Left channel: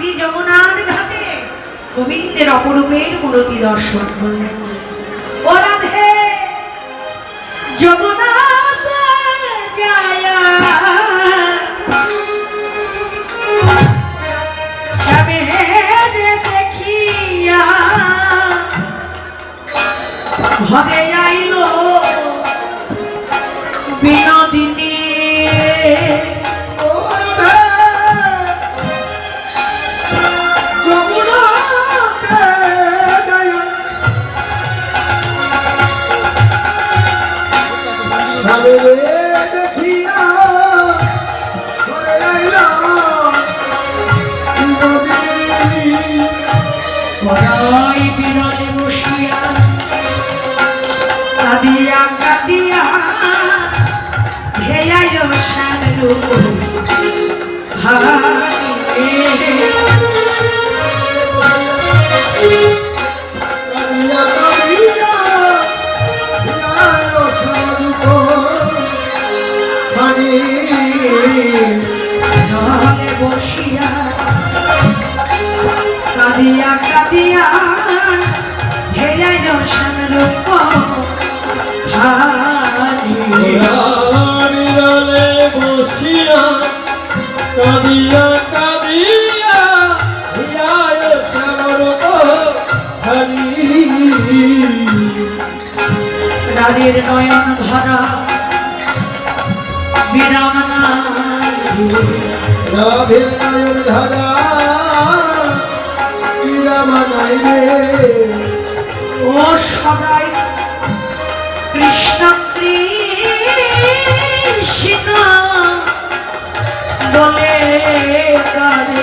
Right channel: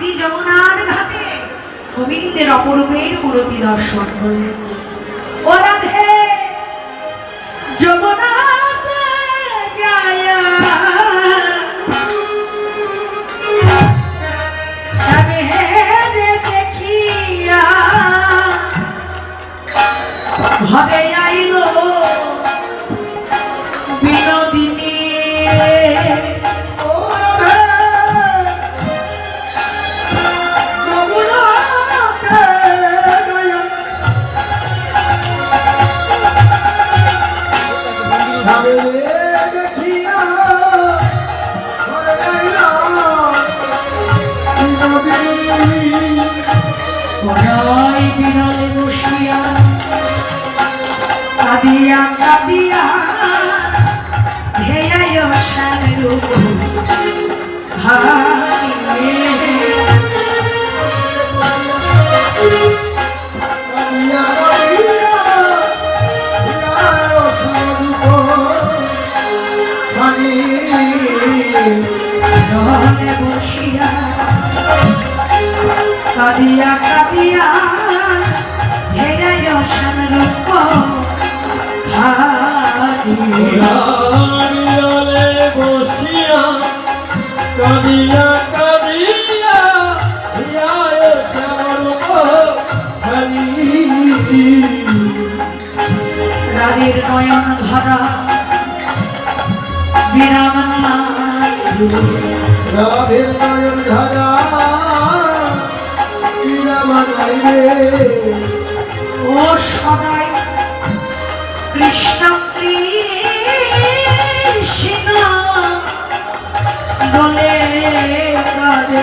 শ্রী যমুনার ঘাটে গোবিন্দের অপরূপের মূরতি দর্শন করলেন। ও রাধে যমুনাতে যায়া দেখিয়া ঘরে আইল বিনোদিনী। বিরলে বসিয়া কাঁদিয়া কাঁদিয়া ধেয়ায় শ্যাম রূপ জলে বসিয়া কাঁদিয়া কাঁদিয়া ধেয়ায় শ্যাম রূপ বিরলে বসিয়া কাঁদিয়া কাঁদিয়া ধেয়ায় শ্যাম রূপ রাধের নয়ন ধরা বিরাম রাধের নয়ন ধরা বিরাম নাই রে। ও সদাই কৃষ্ণ কৃষ্ণ বলে কাঁদে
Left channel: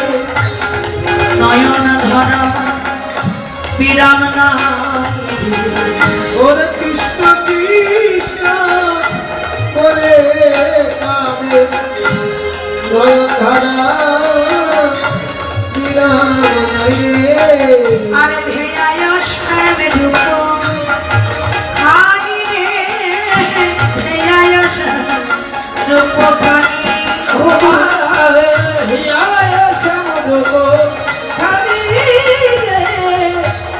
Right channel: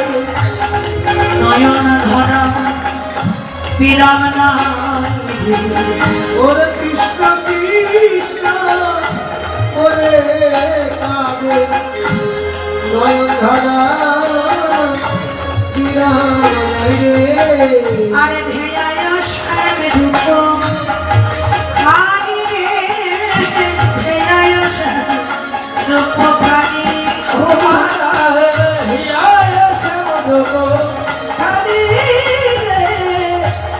নয়ন ধরা বিরাম নাই। ওরে কৃষ্ণ কৃষ্ণ বলে কাঁদে নয়ন ধরা বিরাম নাই রে। আরে ধেয়ায় শ্যাম রূপ খানি রে ধেয়ায় শ্যাম রূপ খানি। ও রে হিয়ায় শ্যাম রূপ খানি রে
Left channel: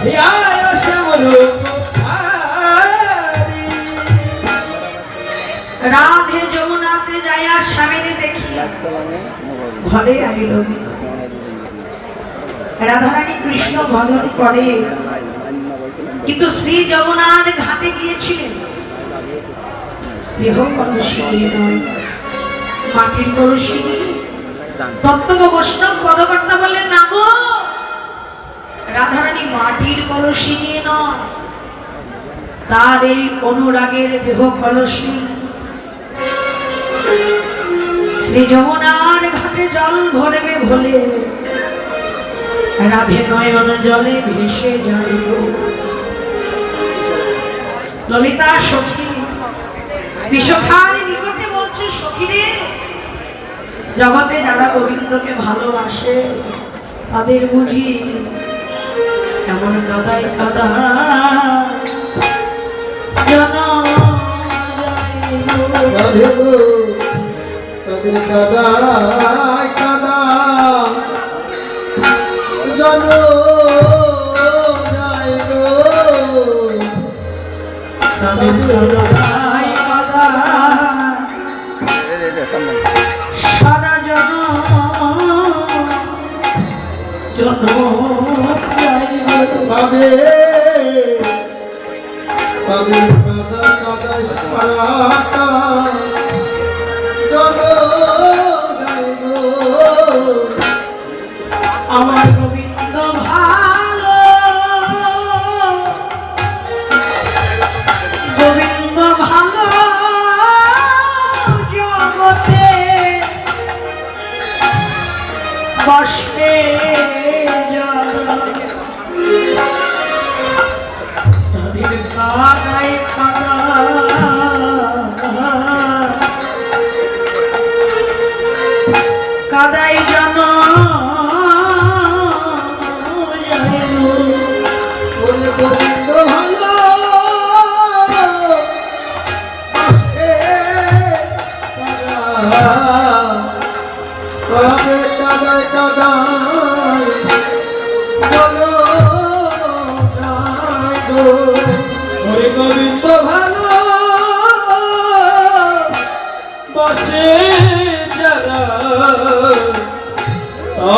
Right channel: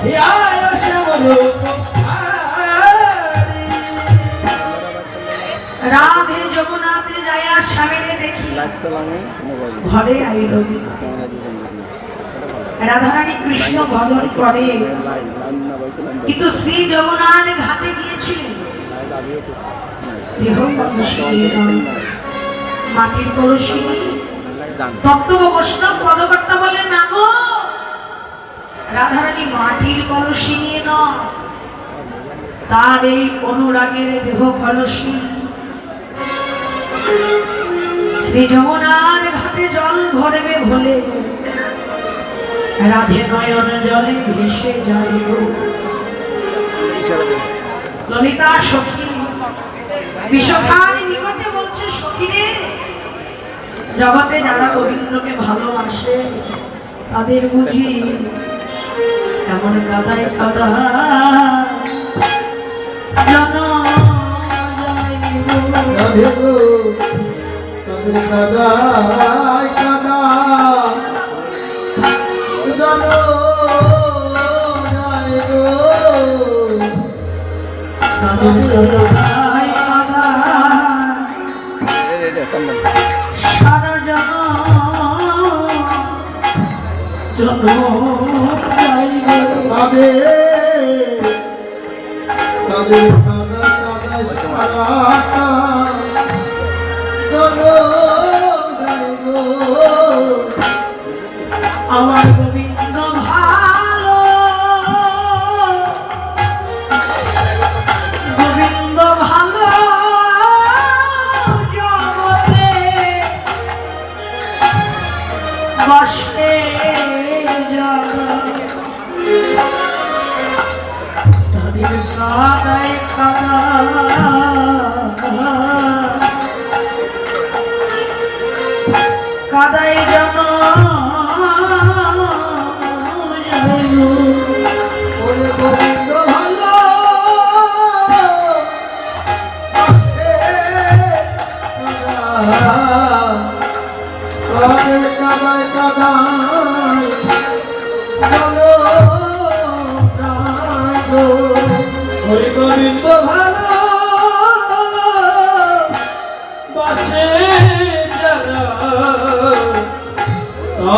হিয়ায় শ্যাম রূপ খানি। রাধে যমুনাতে যায়া স্বামীরে দেখি ঘরে আইল। রাধারানী কৃষ্ণ বদন করে কিন্তু শ্রী যমুনার ঘাটে গিয়েছিলেন দেহ কলসী নয় মাটির কলসী। তত্ত্ব বৈষ্ণব পদকর্তা বললেন না গো, রাধারানী মাটির কলসী নিয়ে নয়, তার এই অনুরাগের দেহ কলসী। শ্রী যমুনার ঘাটে জল ভরবে ভোলে রাধে নয়ন জলে ভেসে যাইব। ললিতা সখী বিশ্বখার নিকটে বলছে, সখীরে জগতে যারা গোবিন্দকে ভালোবাসে তাদের বুঝি এমন কাদায় কাদা জন রাধে গো তাদের কাদায় কাদা জন যায় গো। তাদের কাদায় কাদা সারা জন পাবে তাদের কাদা কাদা সারাটা জন যায় গো। আমার গোবিন্দ ভালো, গোবিন্দ ভালো জগতে বসে তাদের কাদায় কাদা কাদায় জন ওরে গোবিন্দ ভালো কাদায় কাদায়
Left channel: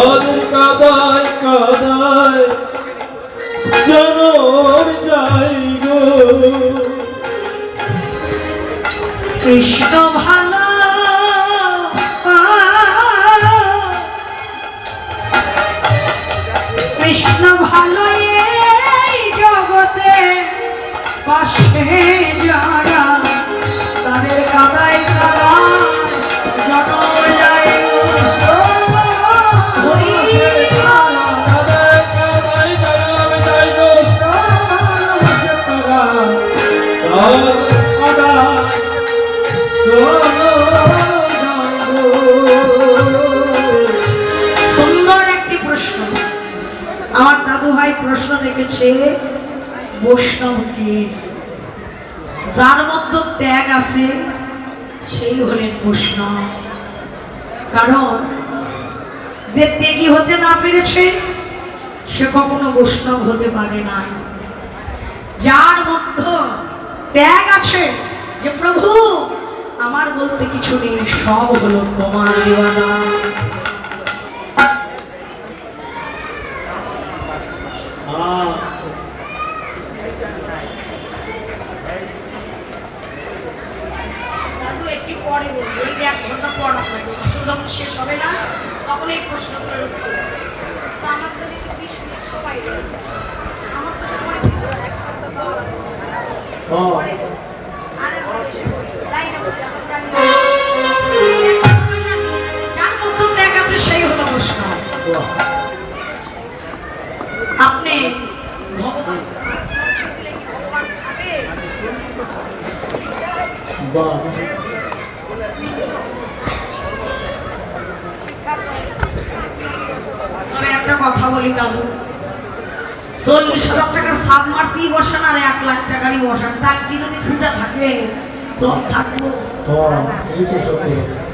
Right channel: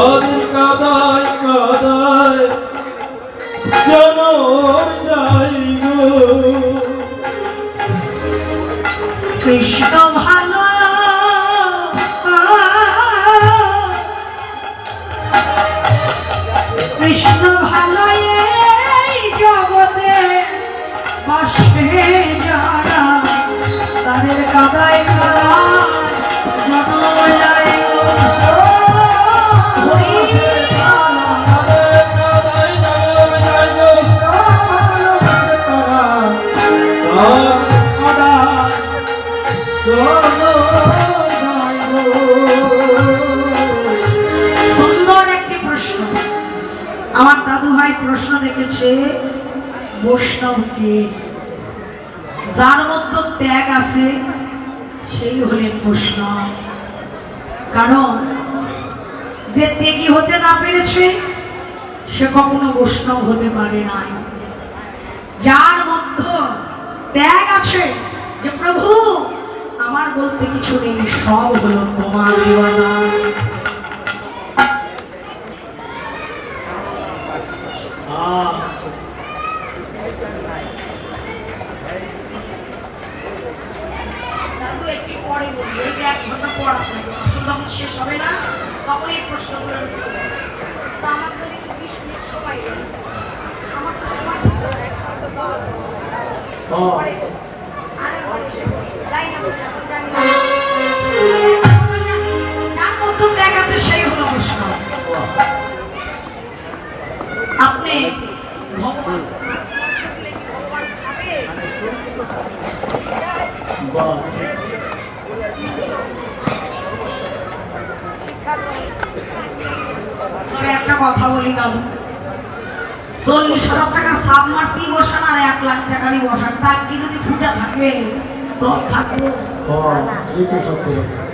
তাদের কাদায় কাদায় জনম যাই গো। কৃষ্ণ ভালো কৃষ্ণ ভালো এই জগতে বাসে যারা তাদের কাদায় কাদায় জনম যায় হরি কাদায় কাদায় জনম যাই গো। ভালোবাসে তারা কাদায় সুন্দর একটি প্রশ্ন আমার দাদু ভাই প্রশ্ন রেখেছে বৈষ্ণবকে যার মধ্যে ত্যাগ আছে সেই হলেন বৈষ্ণব। কারণ যে ত্যাগী হতে না পেরেছে সে কখনো বৈষ্ণব হতে পারে না। যার মধ্যে ত্যাগ আছে যে প্রভু আমার বলতে কিছু নেই, সব হলো তোমার দেওয়া দান। দাদু একটু পরে বলবো, ওই 1 ঘন্টা পর আপনাকে প্রশ্ন যখন শেষ হবে না তখন এই প্রশ্নগুলোর উত্তর দেব। তো আমার যদি একটু 20 মিনিট সময় দেন, আমার তো সময় দিতে হবে, পরে বলবো। আরেকবার এসে বলবো, যাই না বলতে এখন জানি না। একটা কথা জানি, যার মধ্যে ত্যাগ আছে সেই হলো বৈষ্ণব। আপনি ভগবান মাছ মাংস দিলে কি ভগবান খাবে? তবে একটা কথা বলি বাবু, 40,000 টাকার সাবমার্সি বসান আর 1 লাখ টাকারই বসান, টাঙ্কি যদি ফুটা থাকে সব থাকবো। এই তো সত্য কথা।